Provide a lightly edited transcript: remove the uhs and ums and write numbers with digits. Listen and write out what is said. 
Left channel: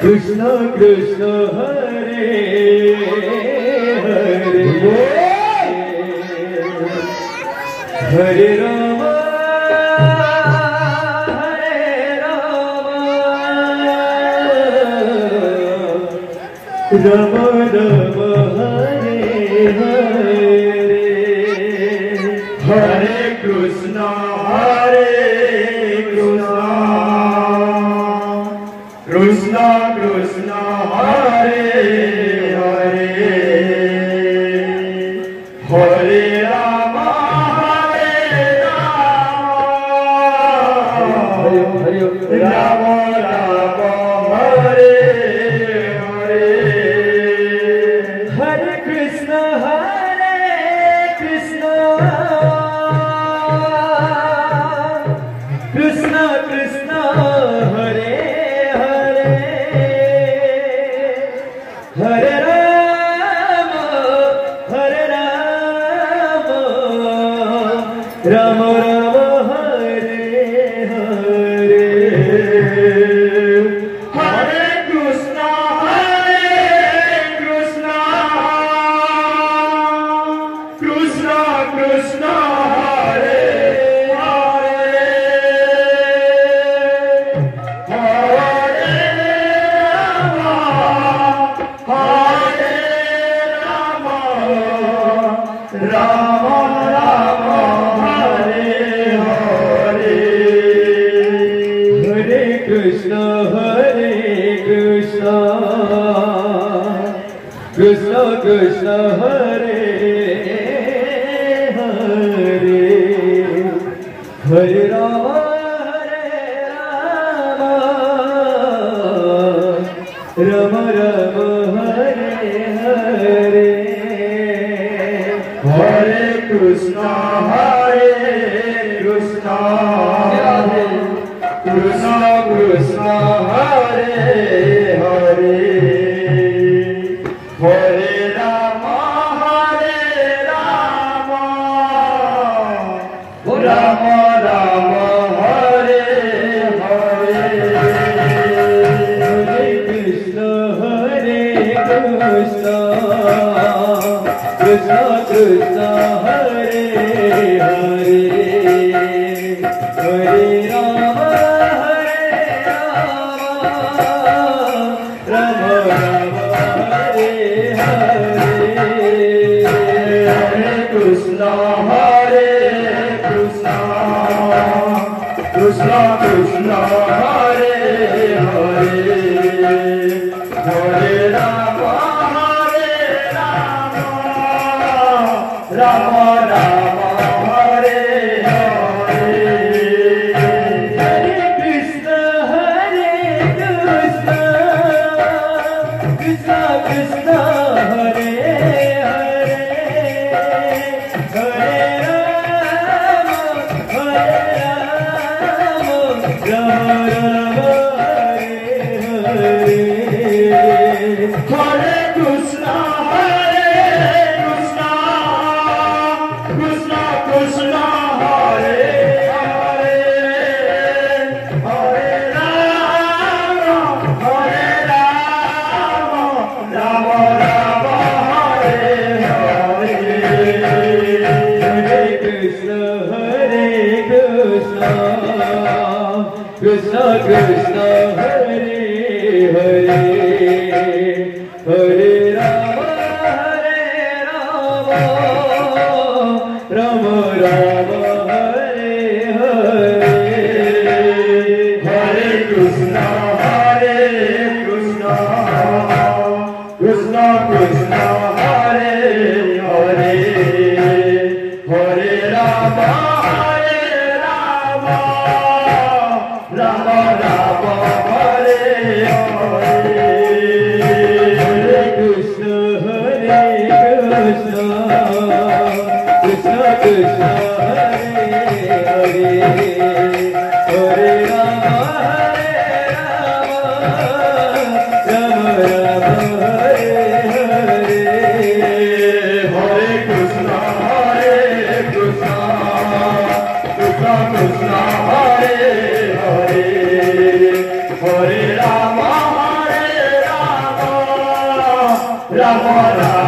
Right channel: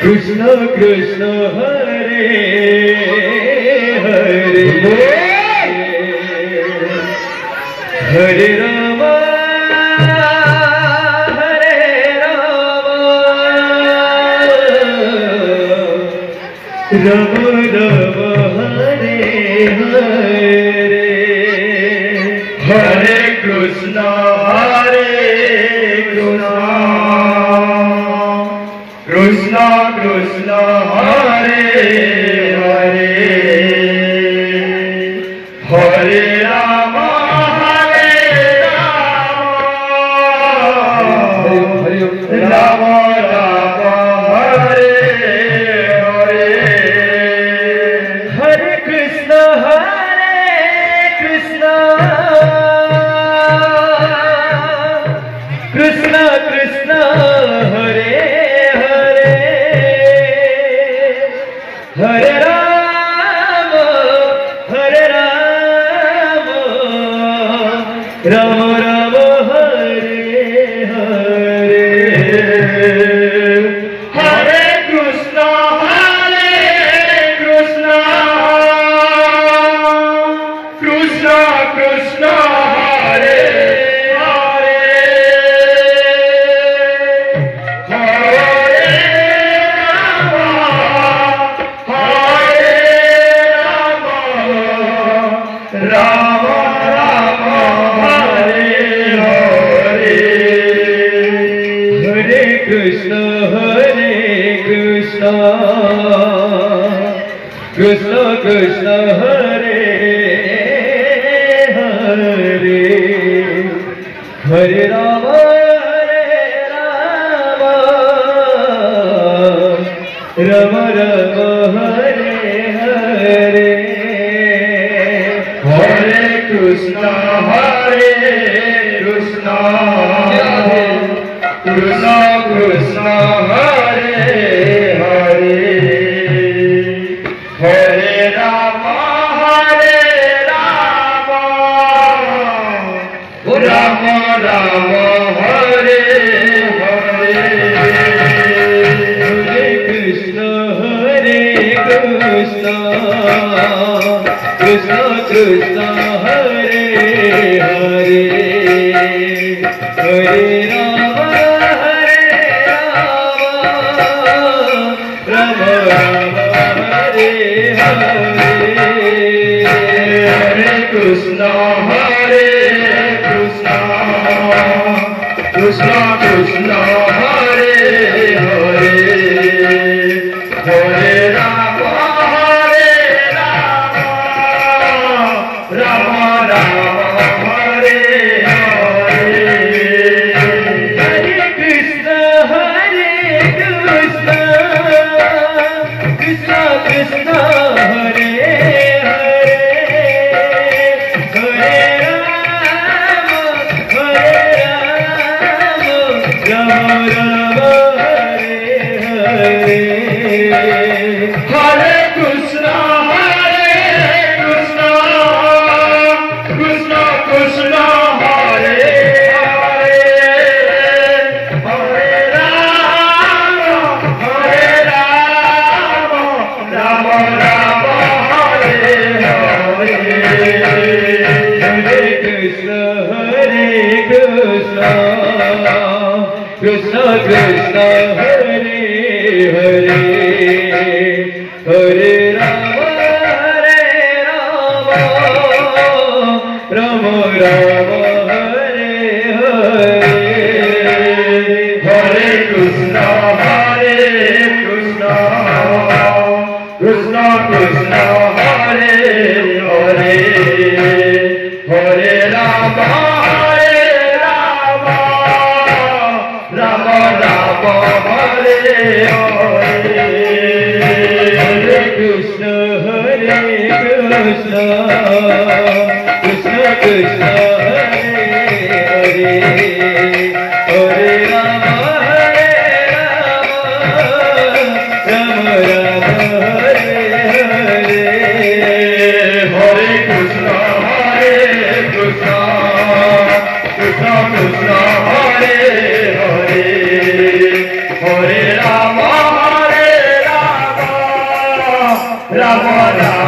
Krishna Krishna Hare Hare Hare Rama Hare Rama Rama Rama Hare Hare Hare Krishna Hare Krishna Krishna Krishna Hare Hare Hare Rama Hare Rama Rama Hare Hare Hare Krishna Krishna Krishna Hare Hare Rama Rama Rama Hare Hare Hare Krishna Krishna Krishna Hare Rama Rama Hare Hare Hare Krishna Krishna Krishna Hare Hare Hare Rama Rama Rama Hare Hare Hare Krishna Krishna Krishna Hare Hare Hare Rama Rama Rama Hare Hare Hare Krishna Krishna Krishna Hare Hare Hare Rama Rama Rama Hare Hare Hare Krishna Krishna Krishna Hare Hare Hare Rama Rama Rama Hare Hare Hare Krishna Krishna Krishna Hare Hare Rama Rama Hare Hare Hare Krishna Krishna Krishna Hare Hare Rama Rama Hare Hare Hare Krishna Krishna Krishna Hare Hare Hare Rama Rama Rama Hare Hare Hare Krishna Krishna Krishna Hare Hare Hare Rama Rama Rama Hare Hare Hare Krishna Krishna Krishna Hare Hare Hare Rama Rama Rama Hare Hare Hare Krishna Krishna Krishna Hare Hare Rama Rama